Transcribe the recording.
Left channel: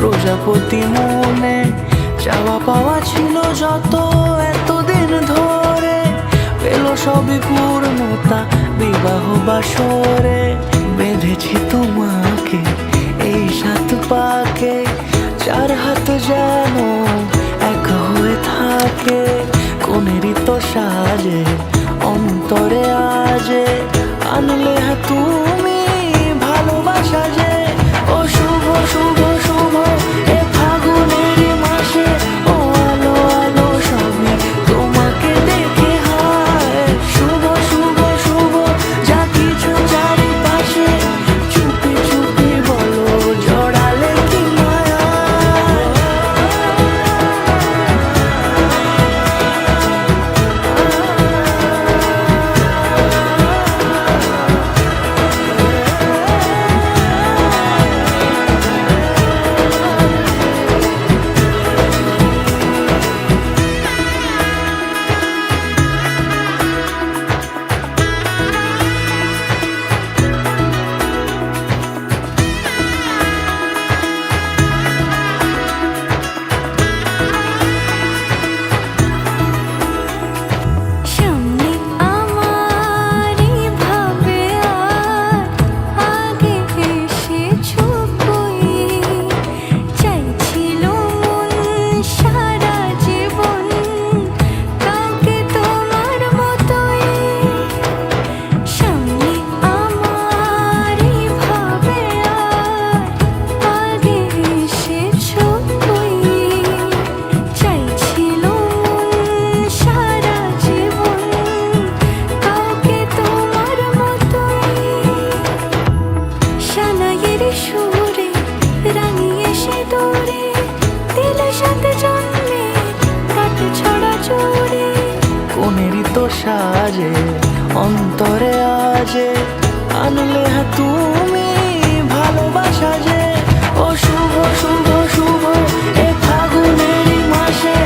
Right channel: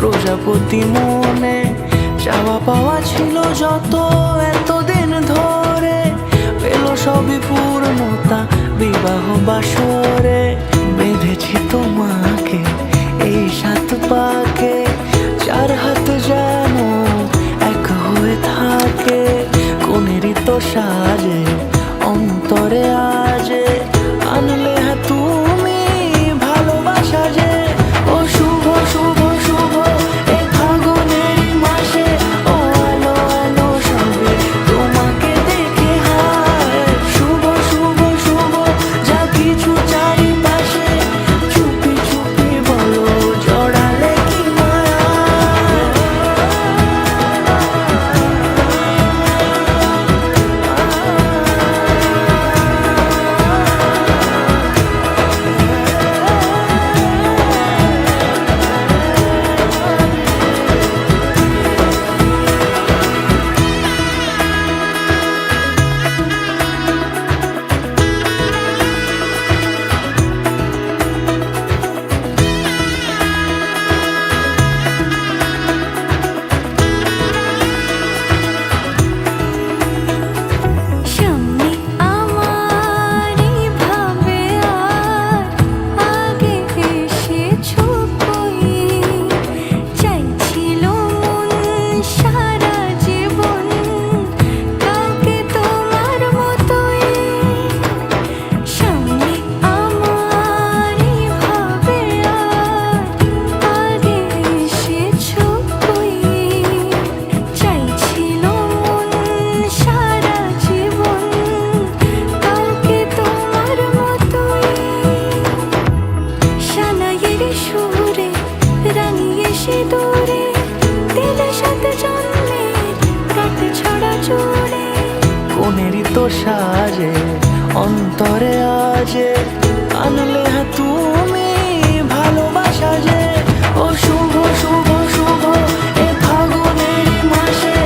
প্রজাপতি মনে চাওয়া পাওয়া ছিল যত এতদিন ধরে, পেল সবই পূর্ণতা বিবাহ বাসরে। বেঁধেছি তোমাকে এই 7 পাকে, 4 হাত যেন এক হয়ে থাকে। কোনেরই তো সাজে অন্তরে আজে, আনলে তুমি ভালোবাসা যে। ও শুভ শুভ শুভ এ ফাগুনেরই মাসে, ও আলো আলো সবই তোমাকে দেখে হায়। শুভ শুভ শুভ যা কিছু চারিপাশে, চুপি চুপি বলো জড়ালে কি মায়া। সুরে রাঙিয়ে সে দূরে দিলে 7 জন্মের কাট ছড়া জোড়ে। কোনেরই তো সাজে অন্তরে আজে, আনলে তুমি ভালোবাসা যে। ও শুভ শুভ শুভ এ ফাগুনেরই মাসে,